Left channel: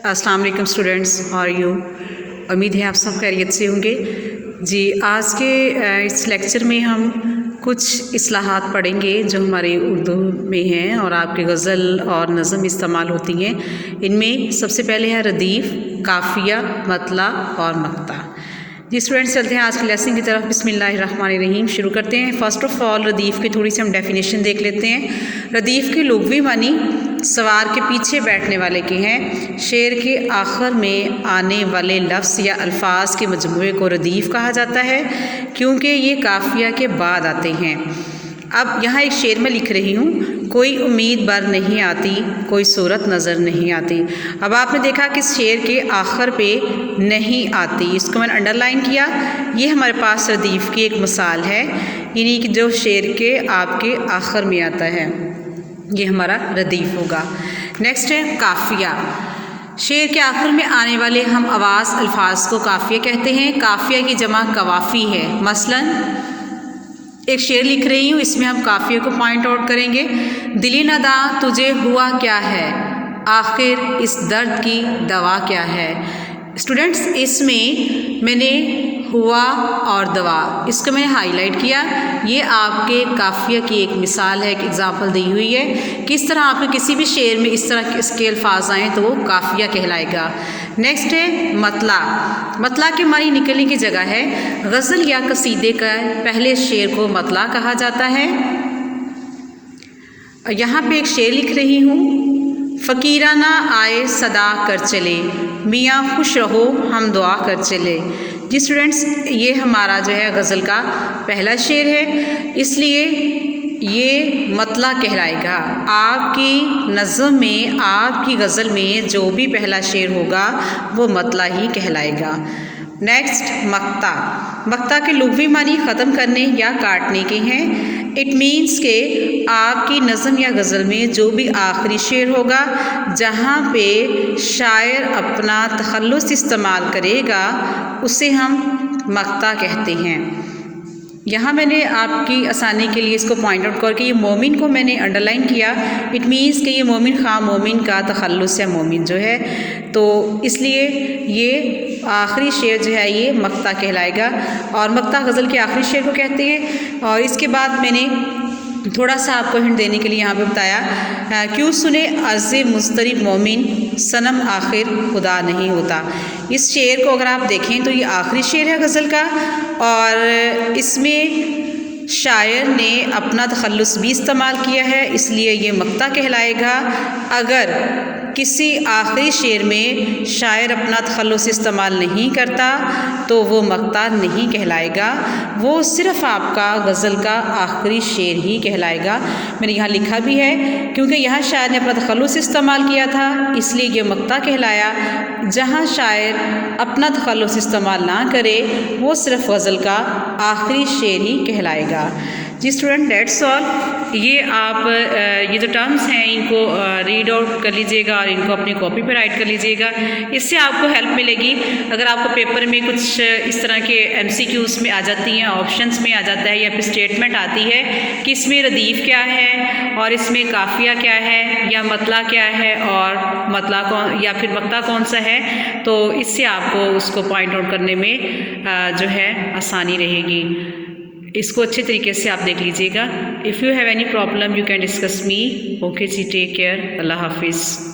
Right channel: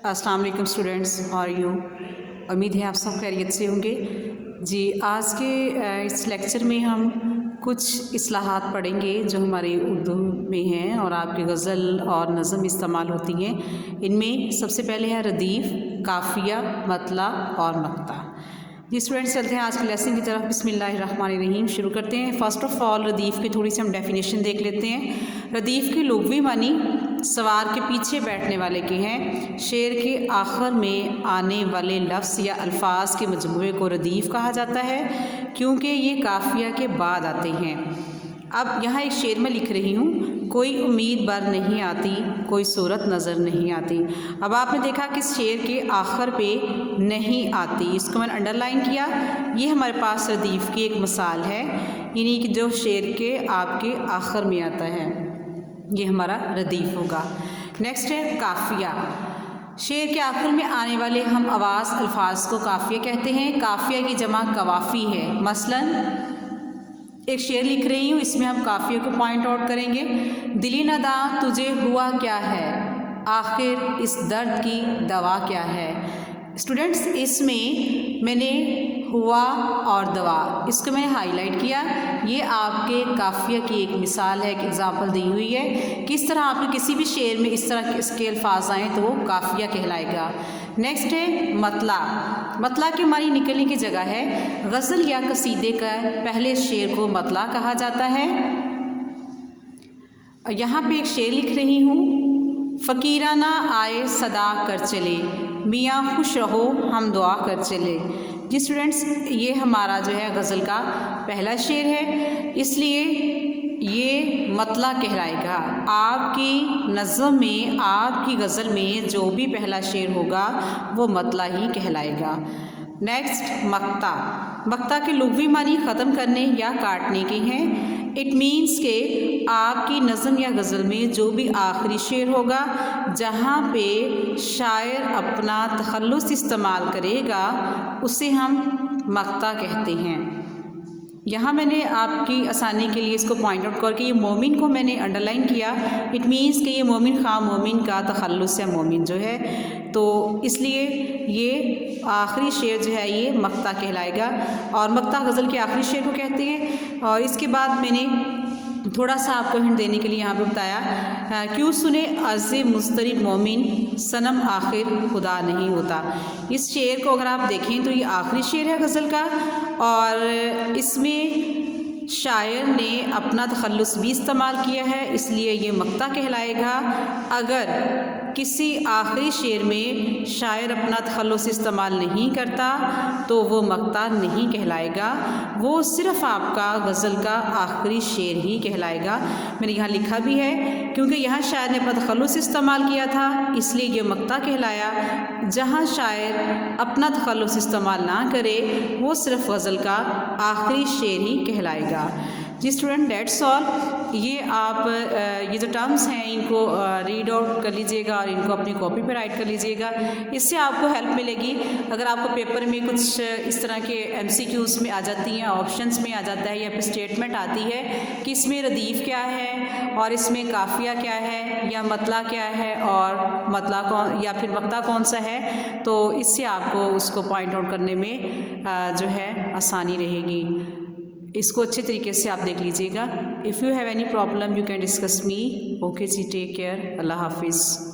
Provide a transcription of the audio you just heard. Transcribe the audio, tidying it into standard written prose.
अस्सलाम वालेकुम students, how are you. उम्मीद है आप सब खैरियत से होंगे जी। आज के इस लेक्चर में हम कुछ इस्लाहात पढ़ेंगे जो हमारे उर्दू में हैं और आपके गज़ल और नज़म इस्तेमाल होती हैं। इनमें सबसे पहले है रदीफ़, काफ़िया, मतला और मक्ता। जी स्टूडेंट्स, चलते हैं आज के लेसन की तरफ। बिस्मिल्लाहिर्रहमानिर्रहीम शुरू करते हैं। फ़र्स्ट ऑफ़ ऑल रदीफ़ की थोड़ी सी हम डेफिनेशन देख लेते हैं। रदीफ़ की लुग़वी मानी सवार के पीछे बैठने वाले के हैं। शेर के आखिर में आने वाले लफ्ज़ या अल्फाज के मजमूए को रदीफ़ कहा जाता है क्योंकि ये काफ़िया के बाद आते हैं। अब यहाँ एक शेर में लिख रही हूँ, कोई उम्मीद बर नहीं आती, कोई सूरत नज़र नहीं आती। अब आपने देखा कि शेर के आखिर पे नहीं आती, इसको मैंने अंडरलाइन किया। ये हमारे पास रदीफ़ की एक मिसाल है, यानी कि जो शेर के आपके आखिर में आता है, ये हमारा रदीफ़ होगा। नेक्स्ट है काफ़िया। शेर के आखिर में आने वाले हम आवाज़ अल्फाज को काफ़िया कहते हैं। काफ़िया की जमा कवाफ़ी है। मसलन एक शेर लिख रही हूँ, इसमें हम काफ़िया को पॉइंट आउट करेंगे। दिली नदा तुझे हुआ क्या है, आखिर इस दर्द की दवा क्या है। स्टूडेंट्स, इसमें मैंने हुआ और दवा, इसको मैंने हाईलाइट किया। ये आपके काफ़िया की एक मिसाल है, एक एग्ज़ाम्पल दी हुई है। किस तरह आपके किसी भी शेर में इस तरह इसके अल्फाज आएँ तो वो काफ़िया कहलाएगा। नेक्स्ट है मतला। मतला के मानी निकलने की जगह है। गज़ल या कसीदे का पहले शेर को मतला कहा जाता है। यहाँ पे एक शेर लिख रही हूँ, फ़कीराना आए सदा कर चले, मियाँ खुश रहो हम दुआ कर चले। जी स्टूडेंट्स, ये हमारा जो है गज़ल का पहला शेर है, इसलिए ये मतला कहलाएगा। आपकी नज़म में, आपकी गज़ल में जो भी पहला शेर होगा वो मतला ही कहलाएगा। नेक्स्ट मक्ता। मक्ता के लुग़वी मानी ख़त्म करने या काटने के हैं। इट मीन्स के आपकी नज़म या गज़ल में जो भी आखिरी शेर होगा जहाँ पे शायर अपना तखल्लुस इस्तेमाल करेगा उसे हम मक्ता कहते हैं। यहाँ मैंने आपकी आसानी के लिए इसको पॉइंट आउट करके ये मोमिन को मैंने अंडरलाइन किया। इट मीन्स कि ये मोमिन ख़ां मोमिन का तखल्लुस है मोमिन जो है, तो इसलिए ये आखिरी शेर जो है ये मक्ता कहलाएगा और मक्ता गज़ल के आखिरी शेर को कहते हैं। और इसके बाद मैंने थोड़ा सा आपको हिंट देने के लिए यहाँ पे बताया, क्यों सुने अर्ज़े मुस्तरिब मोमिन, सनम आखिर खुदा नहीं होता। इस शेर को अगर आप देखें तो ये आखिरी शेर है गज़ल का और इसमें शायर ने अपना तखल्लुस भी इस्तेमाल किया है, इसलिए ये मक्ता कहलाएगा। अगर किसी आखिरी शेर में शायर अपना तखल्लुस इस्तेमाल नहीं करता तो वो मक्ता नहीं कहलाएगा, वो सिर्फ़ आपका गज़ल का आखिरी शेर ही कहलाएगा। मैंने यहाँ लिखा भी है, क्योंकि यहाँ शायर ने अपना तखल्लुस इस्तेमाल किया था इसलिए ये मक्ता कहलाया। जहाँ शायर अपना तखल्लुस इस्तेमाल ना करे वो सिर्फ़ गज़ल का आखिरी शेर ही कहलाएगा। जी स्टूडेंट, डेट्स ऑल। ये आप ये जो टर्म्स हैं इनको रीड आउट कर लीजिएगा और इनको अपनी कॉपी पर राइट कर लीजिएगा, इससे आपको हेल्प मिलेगी। अगर आपको पेपर में कुछ इस तरह के MCQs में आ जाती हैं, ऑप्शंस में आ जाता है या फिर स्टेटमेंट आती है कि इसमें रदीफ़ क्या है और इसमें काफ़िया क्या है या मतला क्या है और मतला कौन या फिर मक्ता कौन सा है, तो इससे आपको उसको पॉइंट आउट करने में जो है आसानी रहेगी। इसको अच्छे तरीके से आप देख लीजिएगा। If you have any problem you can discuss me. Okay जी, टेक केयर, अल्लाह हाफिज़।